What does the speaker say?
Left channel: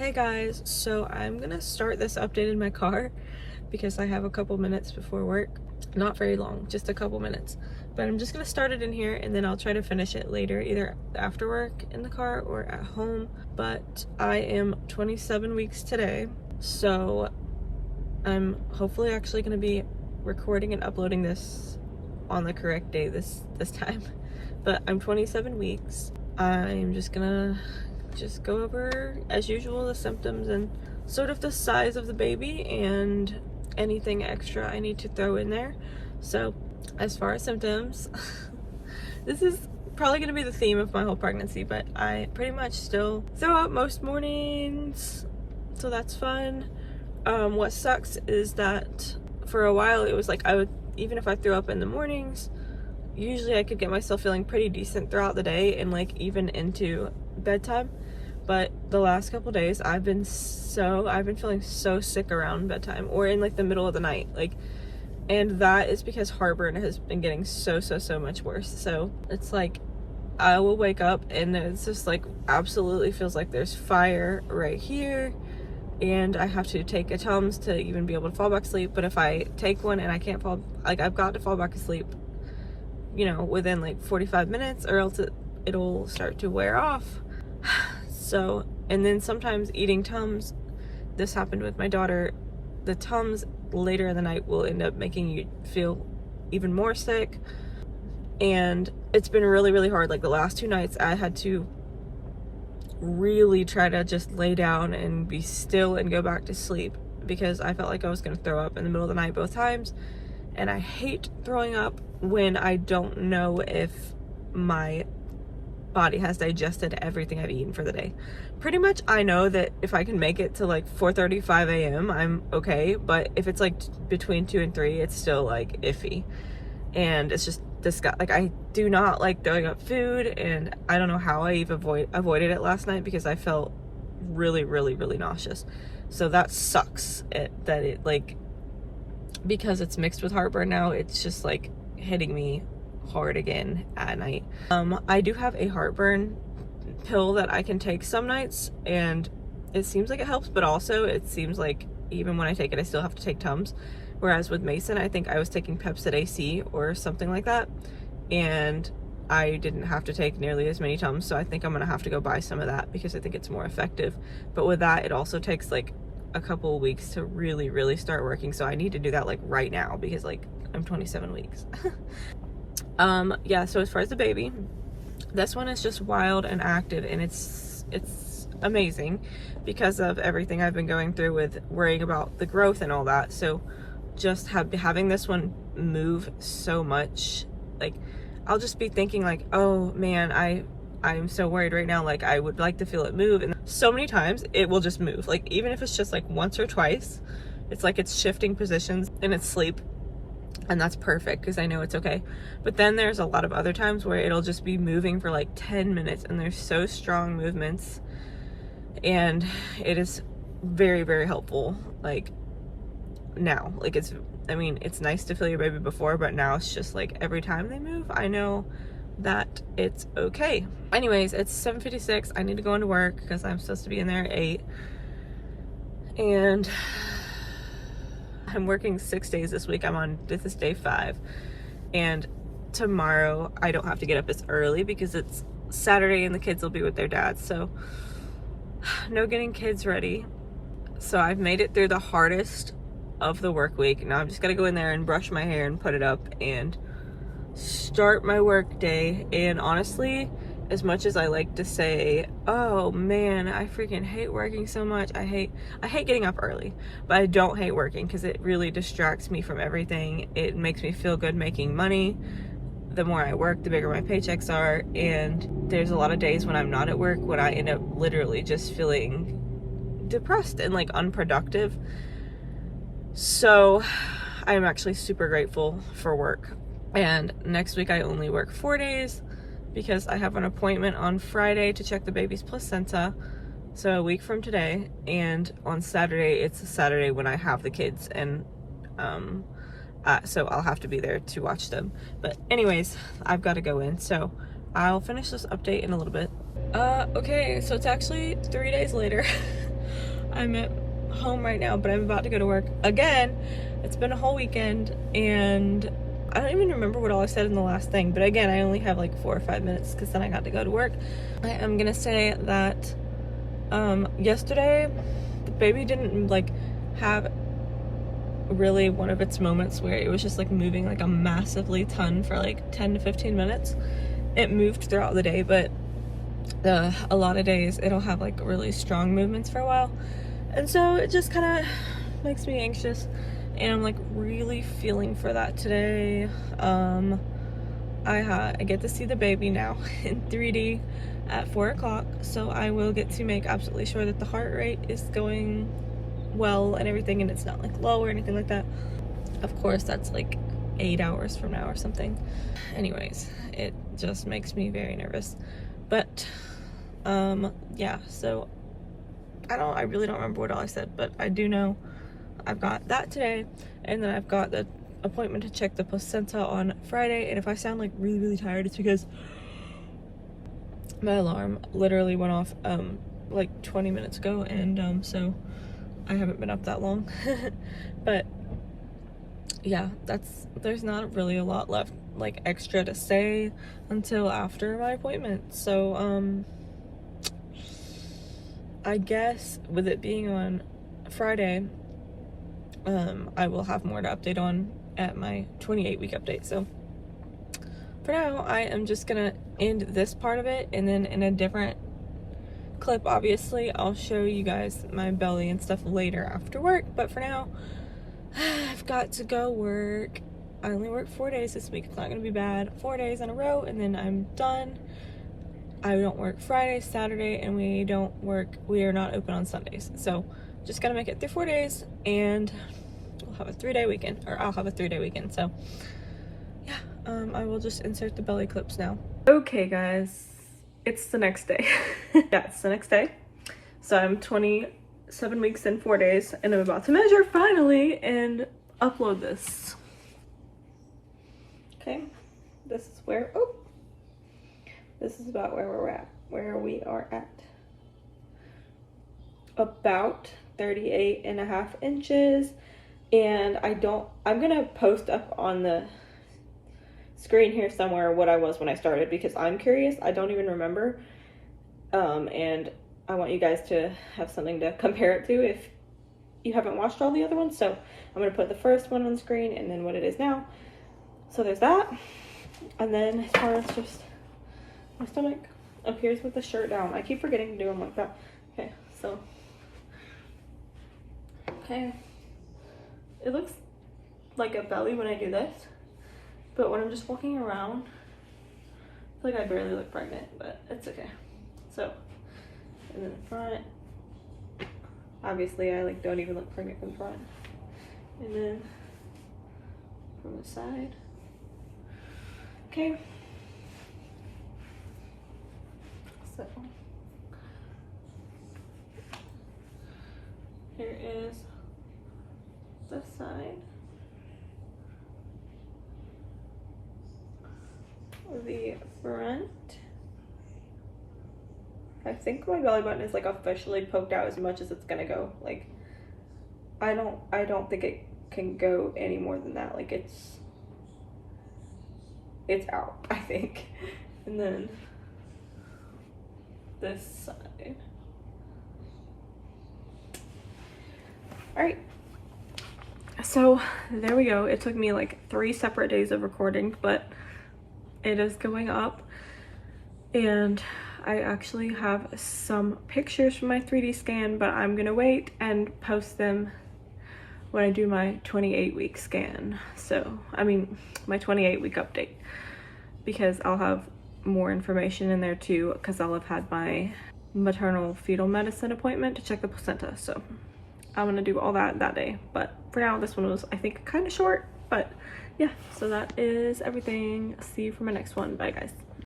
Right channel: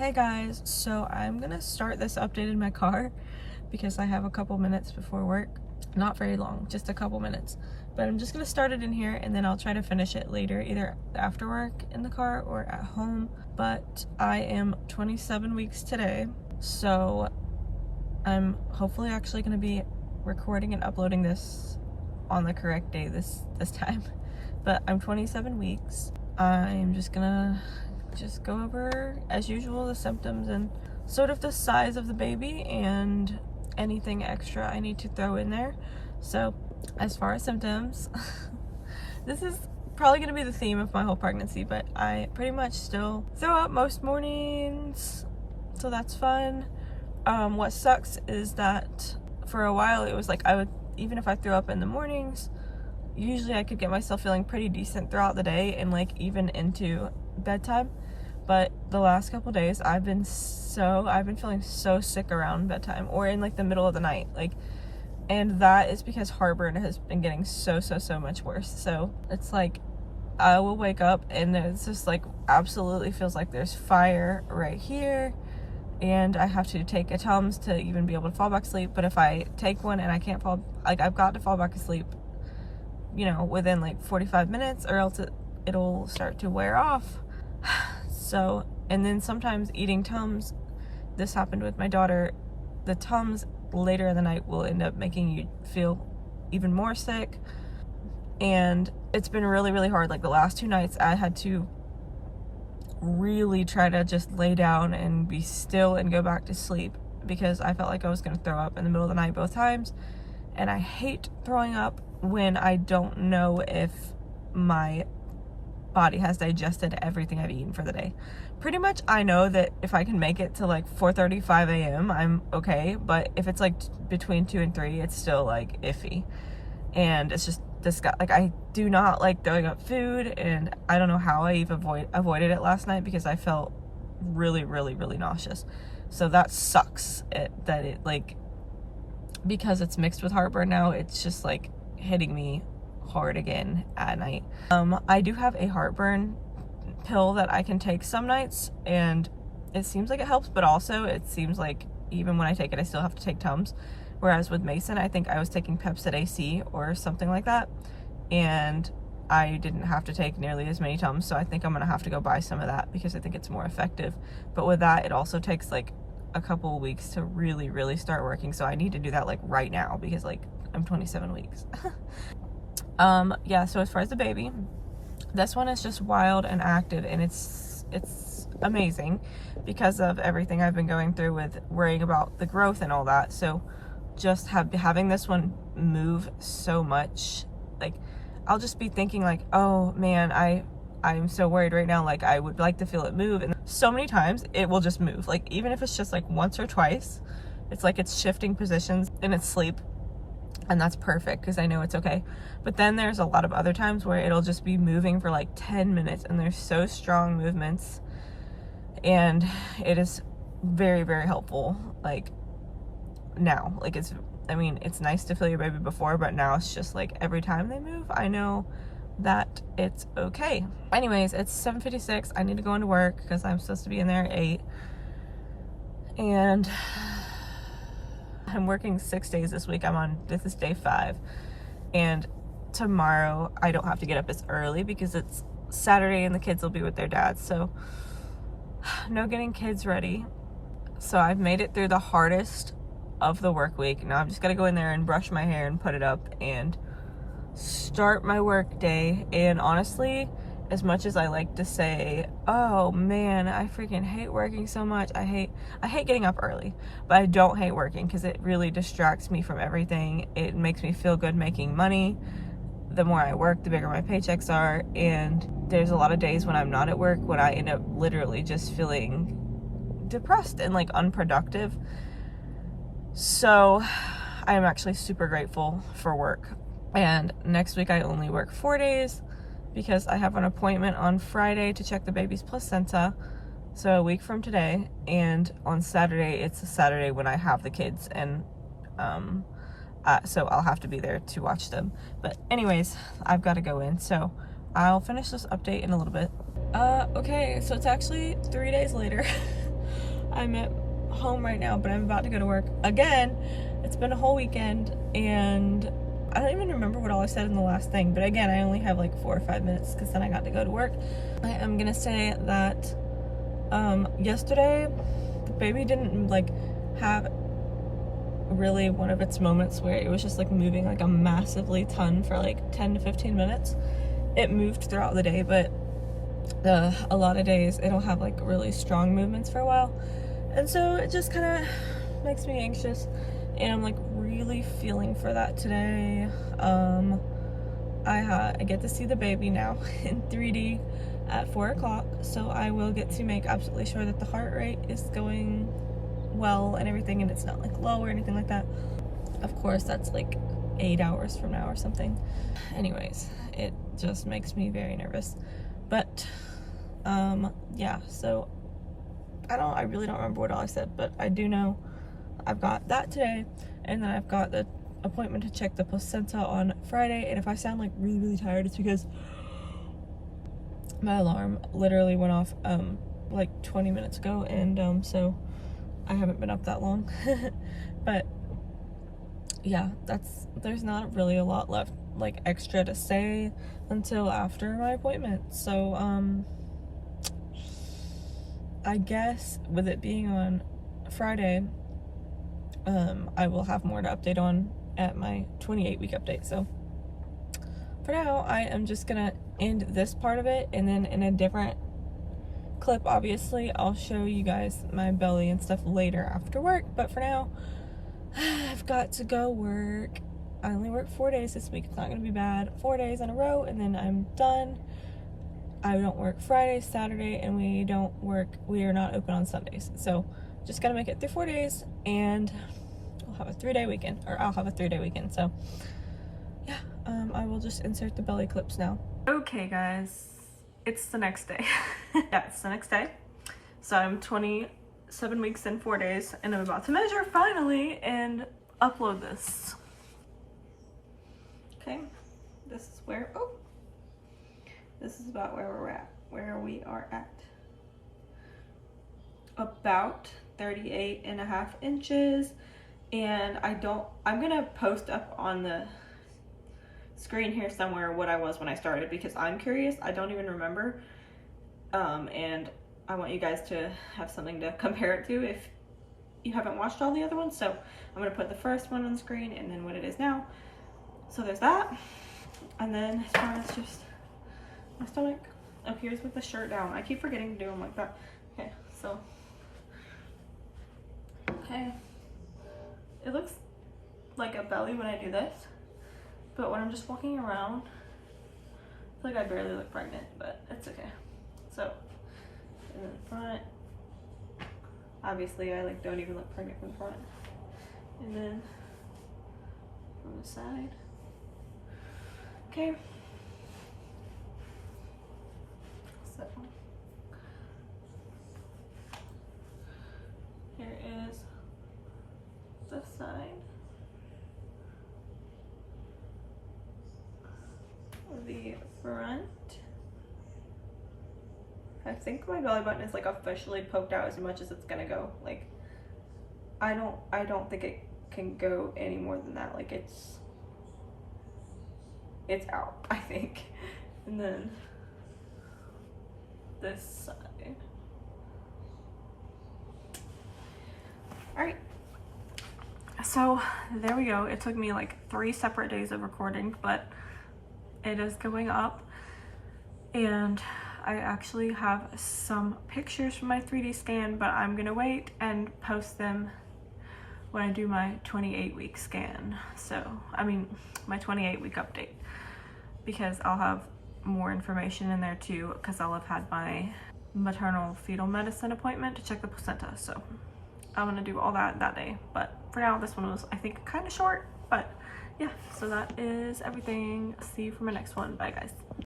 Hey guys, so I'm gonna start this update in my car because I have a couple minutes before work. Not very long, just a couple minutes. But I'm just gonna start it in here and then I'll try to finish it later, either after work in the car or at home. But I am 27 weeks today, so I'm hopefully actually gonna be recording and uploading this on the correct day this time. But I'm 27 weeks. I'm just gonna go over, as usual, the symptoms and sort of the size of the baby and anything extra I need to throw in there. So as far as symptoms, this is probably going to be the theme of my whole pregnancy, but I pretty much still throw up most mornings, so that's fun. What sucks is that for a while it was like even if I threw up in the mornings, usually I could get myself feeling pretty decent throughout the day and like even into bedtime. But the last couple days I've been feeling so sick around bedtime or in like the middle of the night, and that is because heartburn has been getting so much worse. So it's like I will wake up and it's just like absolutely feels like there's fire right here, and I have to take a Tums to even be able to fall back asleep. But if I take one and I can't fall, like I've got to fall back asleep, you know, within like 45 minutes or else it'll start to wear off. So, and then sometimes eating Tums, this happened with my daughter, the Tums later in the night will end up making you feel even more sick. And it's been really hard. Like the last 2 nights I had to really try to just lay down and be still and go back to sleep because I felt like I was going to throw up in the middle of the night both times. And I hate throwing up when I don't know if my body has digested everything I've eaten for the day. Pretty much I know that if I can make it to like 4:35 a.m. I'm okay, but if it's like between 2 and 3 it's still like iffy, and it's just like I do not like throwing up food, and I don't know how I even avoided it last night because I felt really nauseous. So that sucks, that it like, because it's mixed with heartburn now, it's just like hitting me hard again at night. I do have a heartburn pill that I can take some nights and it seems like it helps, but also it seems like even when I take it I still have to take Tums, whereas with Mason I think I was taking Pepcid AC or something like that and I didn't have to take nearly as many Tums, so I think I'm gonna have to go buy some of that because I think it's more effective. But with that it also takes like a couple of weeks to really start working, so I need to do that like right now because like I'm 27 weeks. Yeah, so as far as the baby, this one is just wild and active, and it's amazing because of everything I've been going through with worrying about the growth and all that. So just having this one move so much, like I'll just be thinking like, oh man, I'm so worried right now, like I would like to feel it move, and so many times it will just move, like even if it's just like once or twice, it's like it's shifting positions in its sleep. And that's perfect because I know it's okay. But then there's a lot of other times where it'll just be moving for like 10 minutes and they're so strong movements. And it is very helpful. Like now, like it's nice to feel your baby before, but now it's just like every time they move, I know that it's okay. Anyways, it's 7:56. I need to go into work because I'm supposed to be in there at 8. And I'm working 6 days this week. This is day 5, and tomorrow I don't have to get up as early because it's Saturday and the kids will be with their dads, so no getting kids ready. So I've made it through the hardest of the work week. Now I'm just gonna go in there and brush my hair and put it up and start my work day. And honestly, as much as I like to say, oh man, I freaking hate working so much, I hate getting up early, but I don't hate working because it really distracts me from everything. It makes me feel good making money. The more I work, the bigger my paychecks are, and there's a lot of days when I'm not at work when I end up literally just feeling depressed and like unproductive. So I am actually super grateful for work. And next week I only work 4 days because I have an appointment on Friday to check the baby's placenta, so a week from today, and on Saturday, it's a Saturday when I have the kids, and so I'll have to be there to watch them. But anyways, I've got to go in, so I'll finish this update in a little bit. Okay, so it's actually 3 days later. I'm at home right now, but I'm about to go to work again. It's been a whole weekend, and I don't even remember what all I said in the last thing, but again, I only have like 4 or 5 minutes because then I got to go to work. I am gonna say that yesterday the baby didn't like have really one of its moments where it was just like moving like a massively ton for like 10 to 15 minutes. It moved throughout the day, but a lot of days it'll have like really strong movements for a while, and so it just kind of makes me anxious, and I'm like really feeling for that today. I get to see the baby now in 3D at 4 o'clock, so I will get to make absolutely sure that the heart rate is going well and everything, and it's not like low or anything like that. Of course, that's like 8 hours from now or something. Anyways, it just makes me very nervous. But yeah, so I really don't remember what all I said, but I do know I've got that today, and then I've got the appointment to check the placenta on Friday. And if I sound like really tired, it's because my alarm literally went off like 20 minutes ago, and so I haven't been up that long. But yeah, there's not really a lot left like extra to say until after my appointment. So I guess with it being on Friday, I will have more to update on at my 28-week update. So for now, I am just gonna end this part of it, and then in a different clip, obviously, I'll show you guys my belly and stuff later after work. But for now, I've got to go work. I only work 4 days this week. It's not gonna be bad. 4 days in a row, and then I'm done. I don't work Friday, Saturday, and we are not open on Sundays. So just gotta make it through 4 days, and we'll have a 3-day weekend, or I'll have a 3-day weekend. So yeah, I will just insert the belly clips now. Okay guys, it's the next day. Yeah, it's the next day. So I'm 27 weeks and 4 days, and I'm about to measure finally and upload this. Okay, this is where, this is about where we are at. About 38.5 inches. And I'm gonna post up on the screen here somewhere what I was when I started, because I'm curious. I don't even remember. And I want you guys to have something to compare it to if you haven't watched all the other ones. So I'm gonna put the first one on the screen and then what it is now. So there's that. And then as far as just my stomach appears with the shirt down. I keep forgetting to do them like that. Okay, so. Okay. It looks like a belly when I do this, but when I'm just walking around, I feel like I barely look pregnant, but it's okay. So, and then the front, obviously I like don't even look pregnant from the front. And then from the side. Okay. So here is the side. The front. I think my belly button is like officially poked out as much as it's gonna go. Like I don't think it can go any more than that. Like it's out, I think. And then this side. All right. So there we go. It took me like 3 separate days of recording, but it is going up. And I actually have some pictures from my 3D scan, but I'm gonna wait and post them when I do my 28-week scan. So, I mean, my 28-week update, because I'll have more information in there too, because I'll have had my maternal fetal medicine appointment to check the placenta. So I'm gonna do all that day. But for now, this one was, I think, kind of short, but yeah, so that is everything. See you for my next one. Bye guys.